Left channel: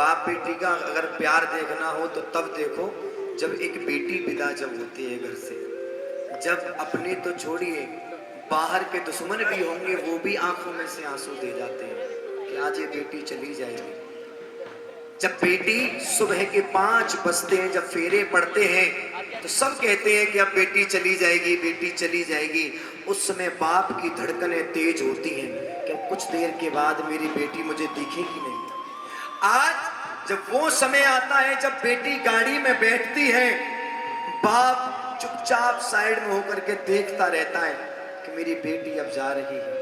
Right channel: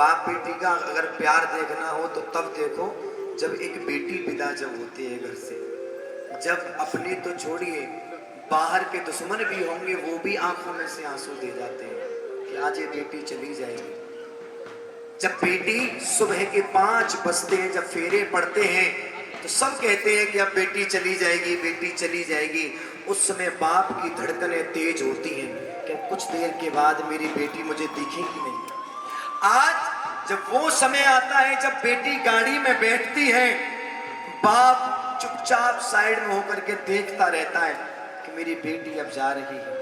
बाप बेटी का अगर प्यार देखना हो तो तब देखो जब एक बेटी विदा जब होती है घर से, जब अपने तो छोड़िए बाहर के दुश्मन भी होंगे वो भी आंखों में से आंसू दे जाते हैं कि आज ये बेटी चली जाएगी। जब बेटी सुबह के 5 बजते हैं, जब फेरे पड़ते हैं तो सब कहते हैं कि अब बेटी चली जाएगी, बेटी चली जाएगी। उस समय बाप की धड़कनें तेज होती हैं कि कुछ देर के बाद मेरी बेटी मुझे दिखेगी नहीं। आज जब वो समय आता है जब बेटी गाड़ी में बैठती है, बाप चुपचाप साइड में होकर के देखता रहता है कि मेरी बेटी अब जा रही है।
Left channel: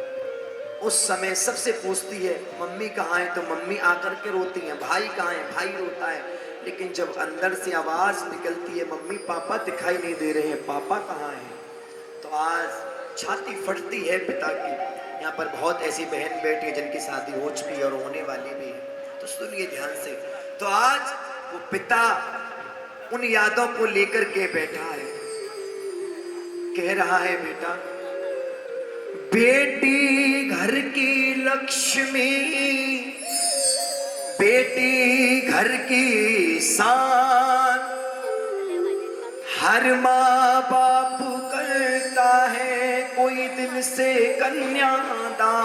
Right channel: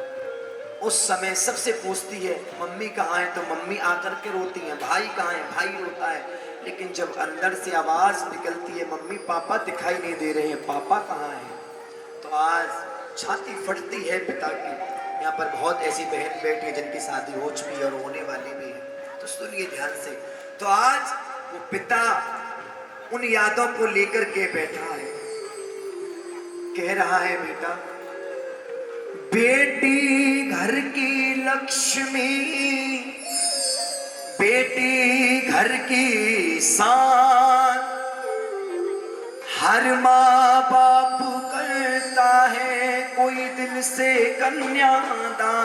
उस समय सबसे पूछती है मम्मी कहाँ है, तो मम्मी आकर के रोती है, भाई कहाँ है, भाई रोता है। लेकिन जब अंदर से आवाज निकलती है मम्मी पापा दिखाई नहीं दे रहे हैं, पापा कहाँ हैं, तो आज छाती फटती है पिता की। यहाँ पर बहुत ऐसी बहन बैठी है जिनकी शादी हो चुकी है और होने वाली भी है, तो सुनिए ध्यान से। तो आज वो पिता उन यादों को लेकर के बैठा है, कह रहा है बेटा बेटी घर की लक्ष्मी, बेटी घर की शान, हर माँ बाप करता है कोई दिल से कन्यादान।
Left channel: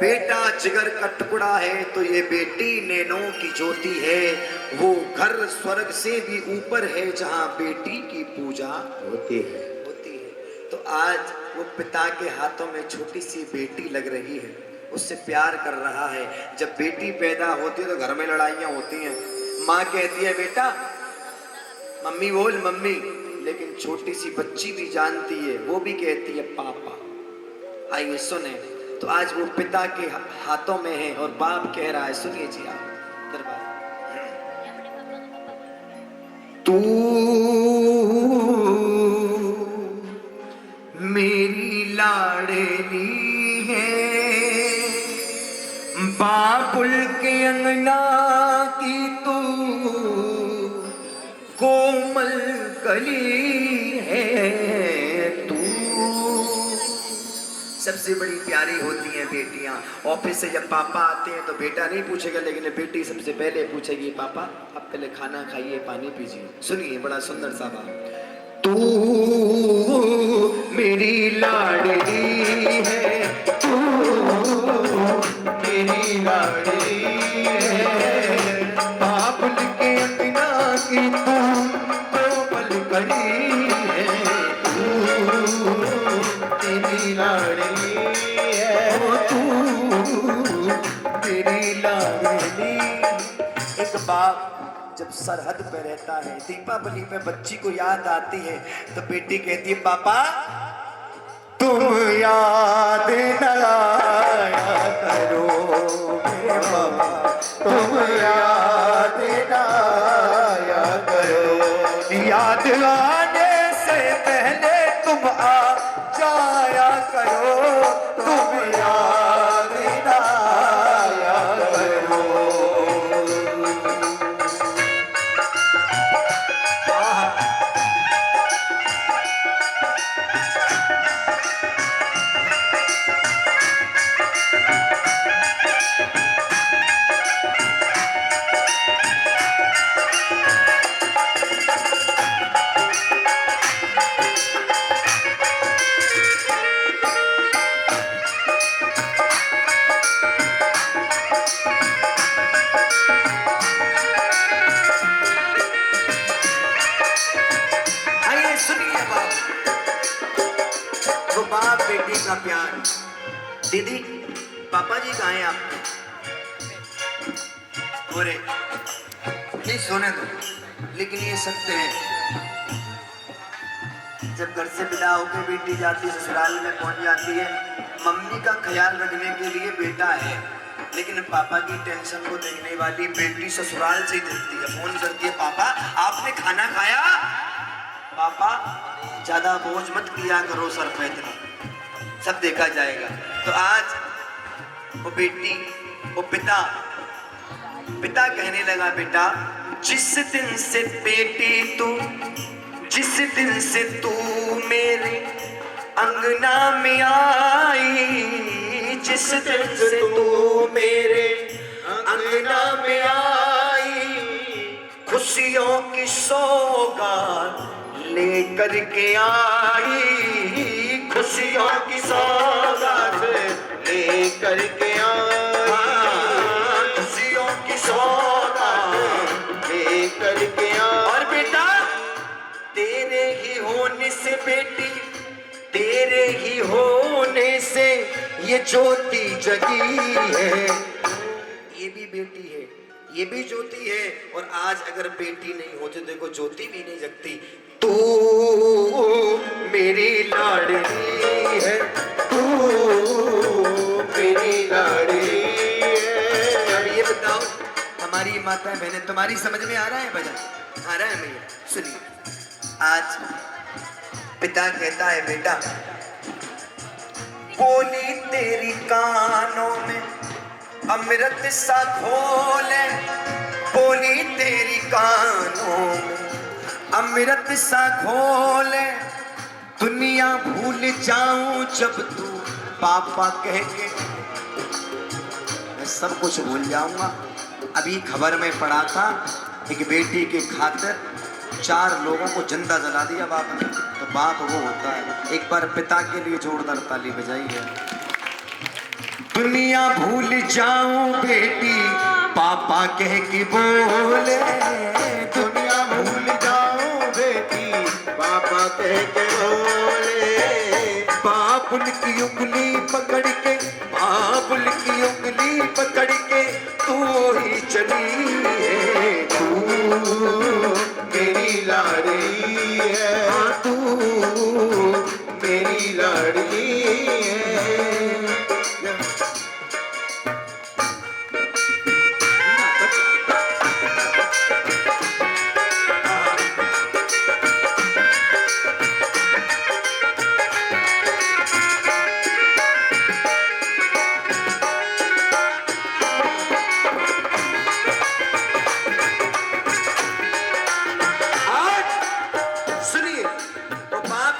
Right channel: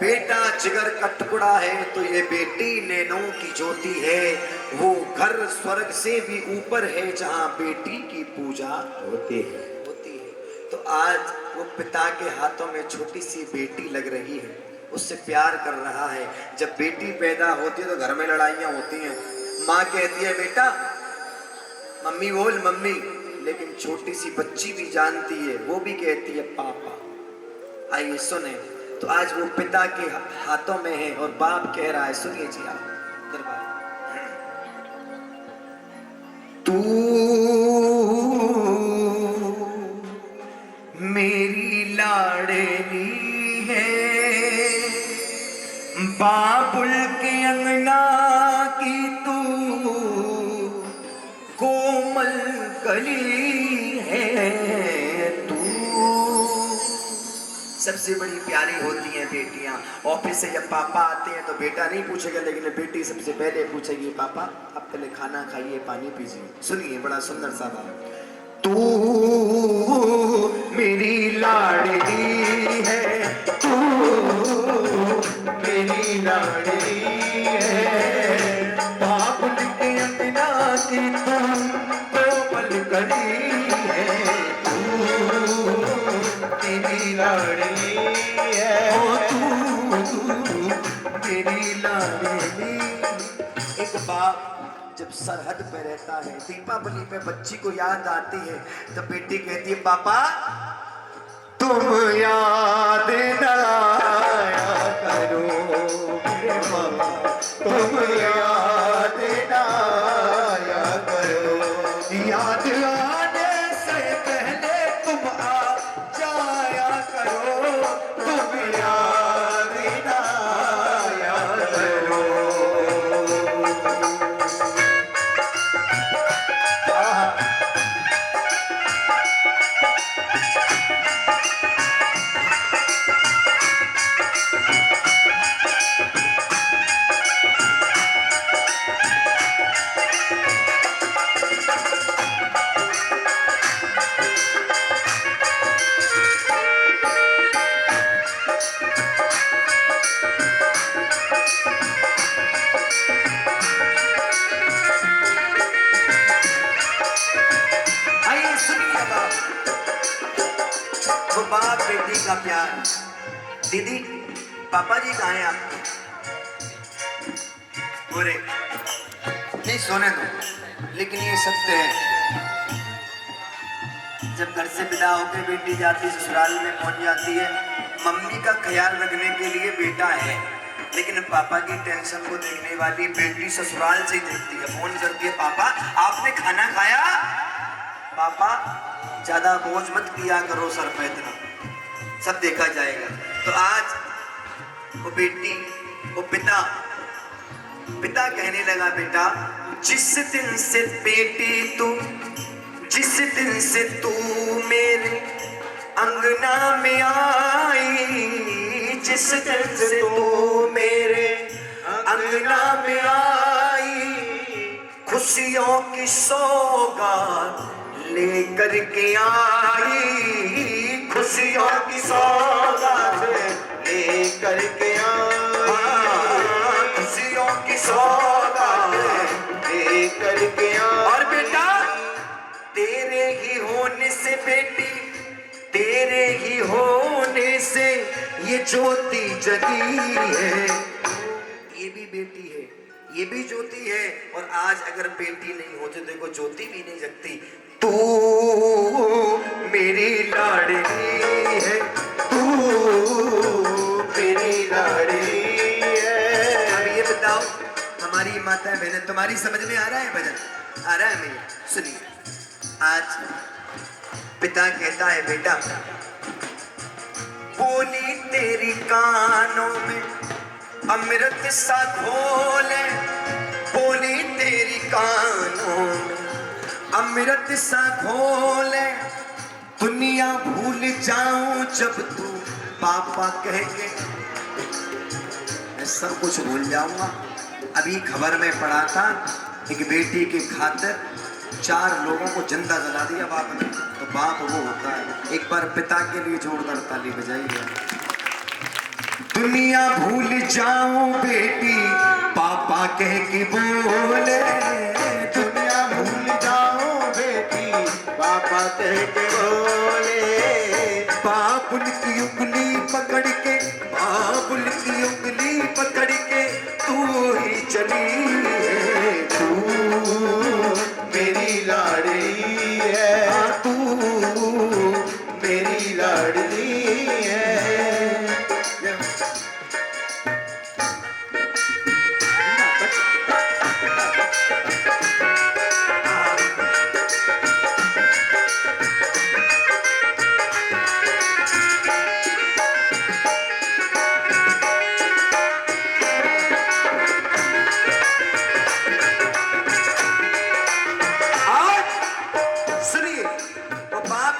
बेटा जिगर का टुकड़ा है तो ये बेटी नैनों की ज्योति है, वो घर स्वर्ग से भी ऊपर है जहाँ बेटी की पूजा होती है। तो आज वो पिता के हाथों में छोटी सी बेटी लग रही है, उससे प्यार कर रहा है। जब बेटी पैदा होती है तो घर में लड़ाइयाँ होती हैं, माँ कहती है बेटा मम्मी बोल मम्मी, लेकिन छोटी सी बच्ची भी जानती है, वो भी कहती है पापा। आइए सुने, तो आज वो पिता के हाथों में है और बाप कह रहा है, सुनिए जी आप दरबार। तू मेरी लाडली है, बाबुल के अंगना की तू कोमल कली है। तू सबसे बड़ी प्यारी होती हैं बेटियां। ऑफिस से जब पापा आते हैं तो बेटा नहीं पूछेगा, लेकिन बेटी सबसे पहले पूछेगी पापा आप पहले खाना खाइए, पानी पीजिए। सुनिए बड़ा सुंदर सा बात, तू मेरी लाडली है, तू मेरी लाडली है, बाबुल के अंगना की तू कोमल कली है। तू तेरी लाडली है, तू तेरी लाडली। एक बाप जब सरहद पे रहता है, दीपावली पे बच्ची को याद आती है तो बेटी कहती है पापा तुम याद न आया करो मेरे पापा, तुम याद न आया करो, याद आने से पहले तुम आ जाया करो, तुम याद न आया करो। बाप बेटी का प्यार। दीदी पापा जी कहाँ हैं आप? बोले नहीं सोने दो, लेकिन ये सत्य है जब घर से विदा होकर बेटी जाती है ससुराल में पहुंच जाती है, मम्मी का ख्याल रखने के लिए बेटा है, लेकिन पापा की टेंशन को देखने वाली बेटी ससुराल से ही देखती है। फोन करती है पापा आपने खाना खाया, पापा ज्यादा बोझ मत किया करो सर पे, इतना सब देखा जाएगा। तो आज वो बेटी वो पिता कहने लगा बेटा जिस दिन से बेटी तू, जिस दिन से तू मेरे अंगना में आई, जिस दिन से तू मेरे अंगना में खुशियों की सौगात लेकर के आई, खुशियों की सौगात लेकर के खुशियों की सौगात लेकर के और बेटा तेरे ही होने से बेटी, तेरे ही होने से ये ज्योति जगी है, ये भी बेटी है, ये भी ज्योति है। और आज अगर बेटी नहीं होती तो देखो ज्योति भी नहीं जगती। तू मेरी लाडली है, तू मेरी लाडली है। अब ये बताओ हमारी माता बहन तुम्हारी समझ में आ रहा है भजन? आ रहा है भैया? सुनिए, आज पिता कहता है बेटा बोली तेरी कानों में अमृत सा घोले, बोली तेरी कानों में अमृत सा घोले, दुनिया भूल जाऊं जब तू पापा कह के, मैं सब कुछ भूल जाऊंगा। अभी खबर में पड़ा था एक बेटी के खातिर 4 लोगों को जिंदा जला दिया बाप ने, तो बाप वो होता है। एक बार पिता के लिए जोरदार ताली बजाइए। दुनिया भूल जाऊं बेटी पापा कह के बोले, दुनिया भूल जाओ बेटी पापा कह के बोले, बाबुल की उंगली पकड़ के, बाबुल की उंगली पकड़ के तू ही चली है, तू मेरी लाडली है, हाँ तू मेरी लाडली है।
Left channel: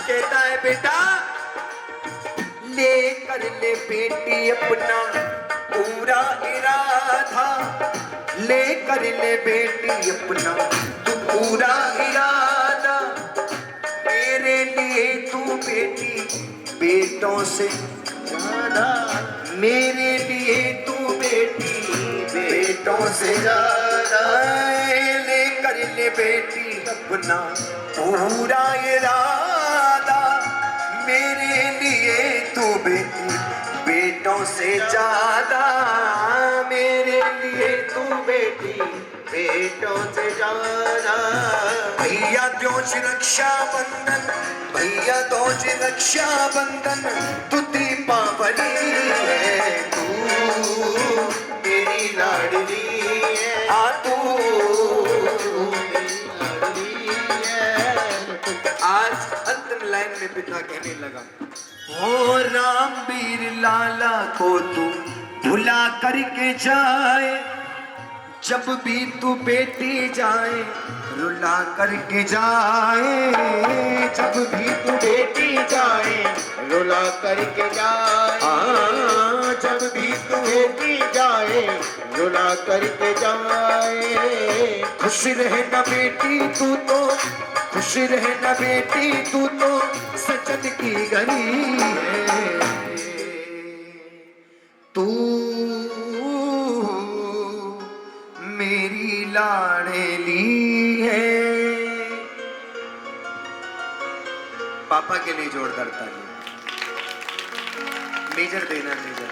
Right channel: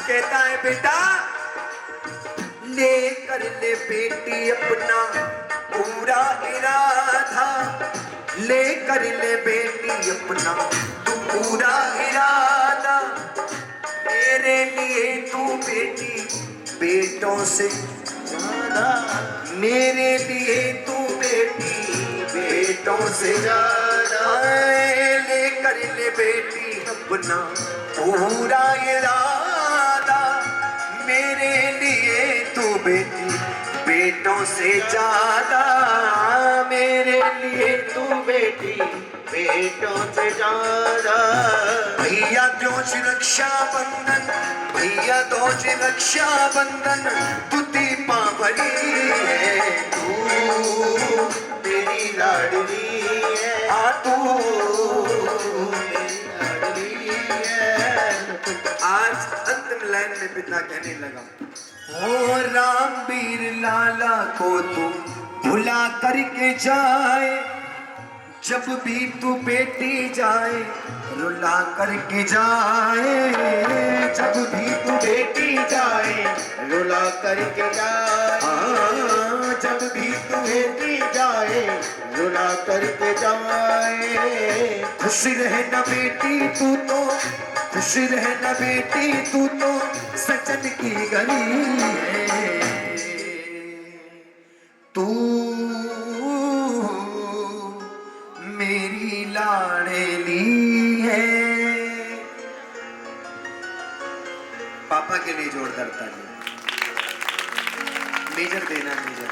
कहता है बेटा ले कर ले बेटी अपना पूरा इरादा, ले कर ले बेटी अपना तू पूरा इरादा, मेरे लिए तू बेटी बेटों से ज्यादा, मेरे लिए तू बेटी बेटों से ज्यादा, ले कर ले बेटी अपना पूरा इरादा, मेरे लिए तू बेटी बेटों से ज्यादा, मेरे लिए तू बेटी बेटों से ज्यादा। भैया दोष रक्षा बंधन, भैया दोष रक्षा बंधन, तू दीपावली है, तू मेरी लाडली है, आ तू मेरी लाडली है। आज अंतिम लाइन में पिता कहने लगा, ओ राम वीर लाला को तू भुला करके जाए, जब भी तू बेटी जाए रुला करके जाए, जब भी तू बेटी जाए रुला करके जाए, हाँ, जब भी तू बेटी जाए रुला करके जाए। खुश रहना बेटी तू तो, खुश रहना बेटी तू तो सजन की गली है, तू मेरी लाडली है। पापा के लिए जोरदार ताली। मेजर देना मेजर।